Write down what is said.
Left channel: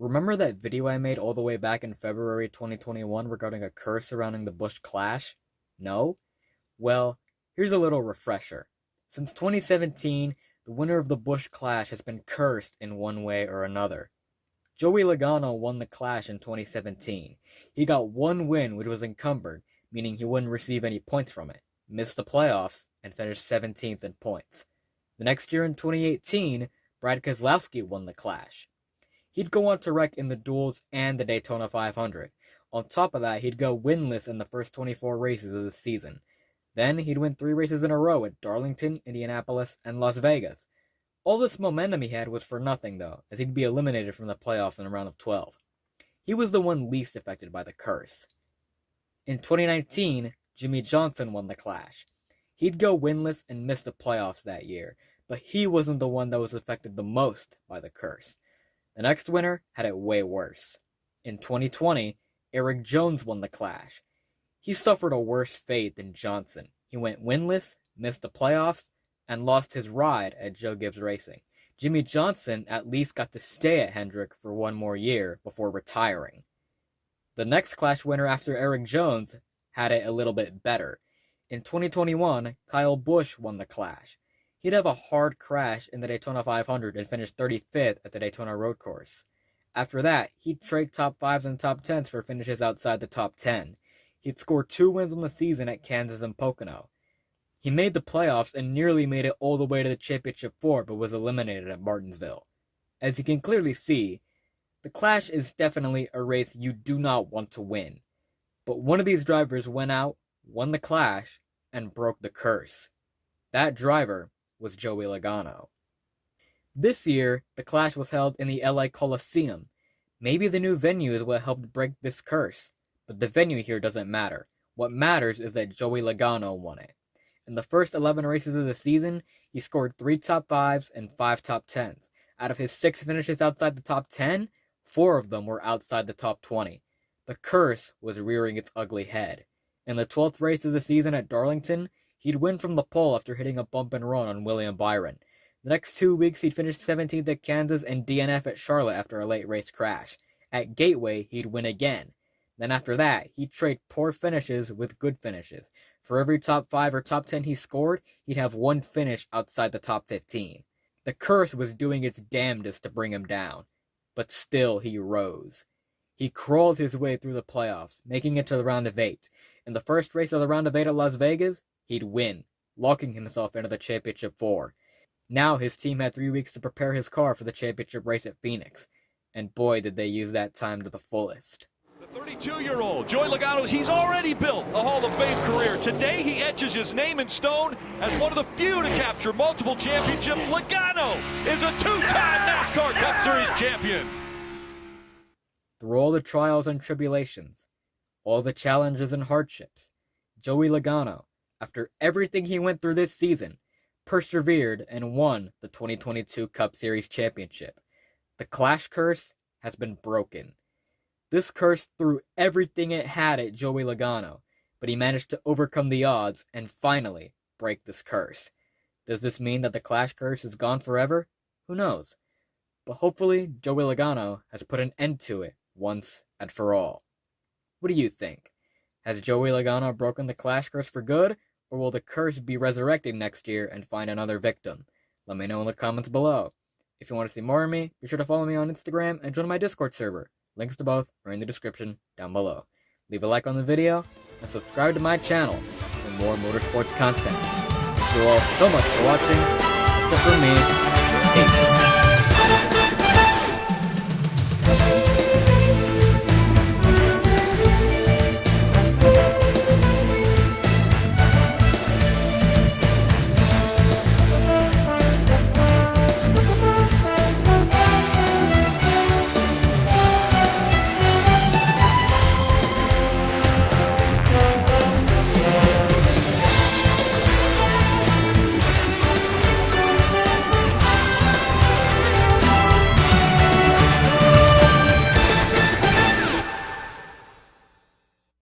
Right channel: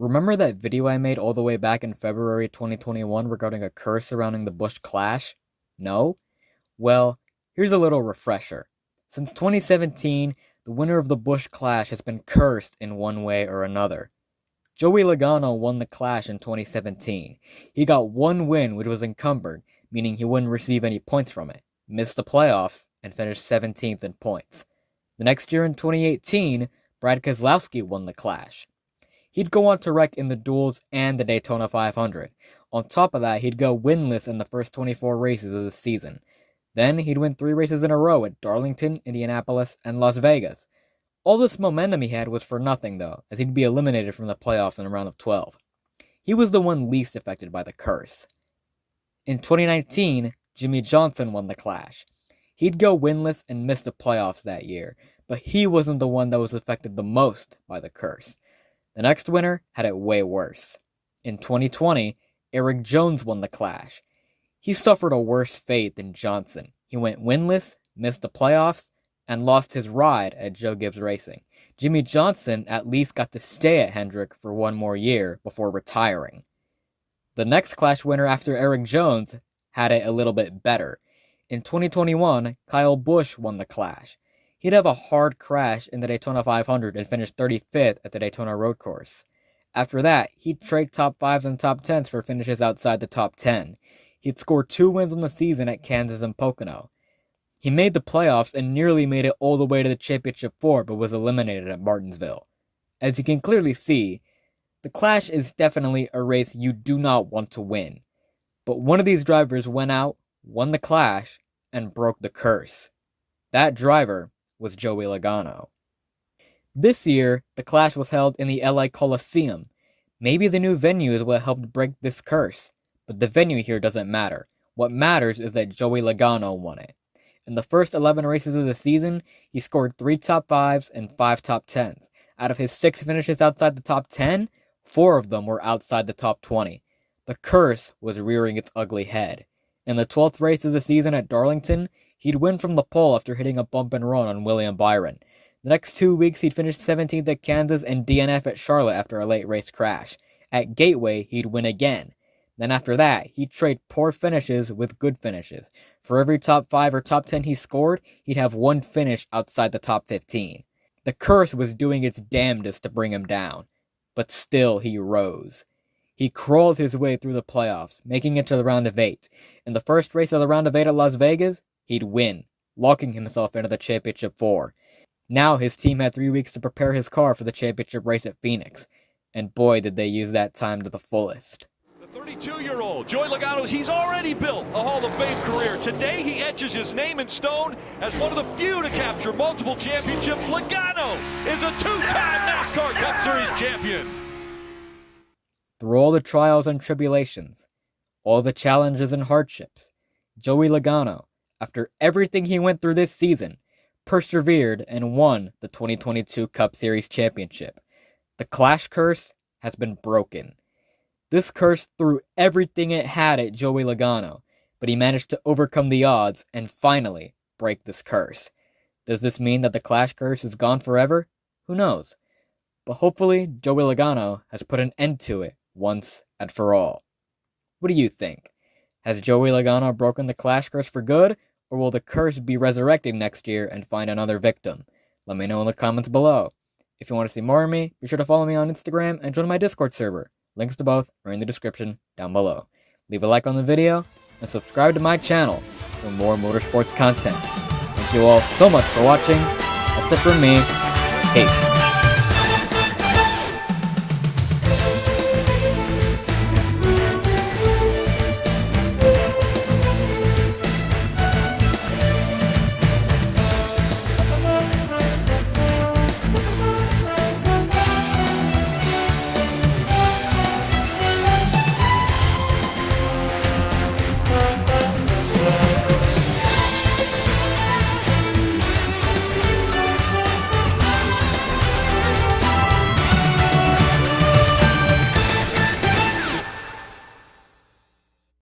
Remember that video I made all the way back in February 2021 regarding a curse surrounding the Busch Clash? No? Well, here's a little refresher. Since 2017, the winner of the Busch Clash has been cursed in one way or another. Joey Logano won the Clash in 2017. He got one win, which was encumbered, meaning he wouldn't receive any points from it, missed the playoffs, and finished 17th in points. The next year in 2018, Brad Keselowski won the Clash. He'd go on to wreck in the duels and the Daytona 500. On top of that, he'd go winless in the first 24 races of the season. Then he'd win 3 races in a row at Darlington, Indianapolis, and Las Vegas. All this momentum he had was for nothing, though, as he'd be eliminated from the playoffs in a round of 12. He was the one least affected by the curse. In 2019, Jimmie Johnson won the Clash. He'd go winless and miss the playoffs that year, but he wasn't the one that was affected the most by the curse. The next winner had it way worse. In 2020, Erik Jones won the Clash. He suffered a worse fate than Johnson. He went winless, missed the playoffs, and lost his ride at Joe Gibbs Racing. Jimmie Johnson at least got to stay at Hendrick for one more year before retiring. The next Clash winner after Erik Jones had it a little bit better. In 2021, Kyle Busch won the Clash. He'd have a hard crash in the Daytona 500 and finish 35th at the Daytona Road Course. After that, he'd trade top 5s and top 10s for finishes outside the top 10. He'd score 2 wins on the season at Kansas and Pocono. He made the playoffs and nearly made it all the way to the Championship 4, but was eliminated at Martinsville. As you can clearly see, the Clash is definitely a race you do not want to win. But one of these drivers went out, won the Clash, and broke the curse. That driver was Joey Logano. This year, the Clash was held in the LA Coliseum. Maybe the new venue is what helped break this curse, but the venue here doesn't matter. What matters is that Joey Logano won it. In the first 11 races of the season, he scored 3 top 5s and 5 top 10s. Out of his 6 finishes outside the top 10, 4 of them were outside the top 20. The curse was rearing its ugly head. In the 12th race of the season at Darlington, he'd win from the pole after hitting a bump and run on William Byron. The next 2 weeks, he'd finish 17th at Kansas and DNF at Charlotte after a late race crash. At Gateway, he'd win again. Then after that, he'd trade poor finishes with good finishes. For every top 5 or top 10 he scored, he'd have one finish outside the top 15. The curse was doing its damnedest to bring him down. But still he rose. He crawled his way through the playoffs, making it to the round of 8. In the first race of the round of 8 at Las Vegas, he'd win, locking himself into the Championship 4. Now his team had 3 weeks to prepare his car for the championship race at Phoenix. And boy, did they use that time to the fullest. The 32-year-old Joey Logano, he's already built a Hall of Fame career. Today he etches his name in stone as one of the few to capture multiple championships. Logano is a 2-time NASCAR Cup Series champion. Through all the trials and tribulations, all the challenges and hardships, Joey Logano, after everything he went through this season, persevered and won the 2022 Cup Series championship. The Clash curse has been broken. This curse threw everything it had at Joey Logano, but he managed to overcome the odds and finally break this curse. Does this mean that the Clash curse is gone forever? Who knows? But hopefully Joey Logano has put an end to it once and for all. What do you think? Has Joey Logano broken the Clash curse for good, or will the curse be resurrected next year and find another victim? Let me know in the comments below. If you want to see more of me, be sure to follow me on Instagram and join my Discord server. Links to both are in the description down below. Leave a like on the video and subscribe to my channel for more motorsports content. Thank you all so much for watching. That's it from me. Peace.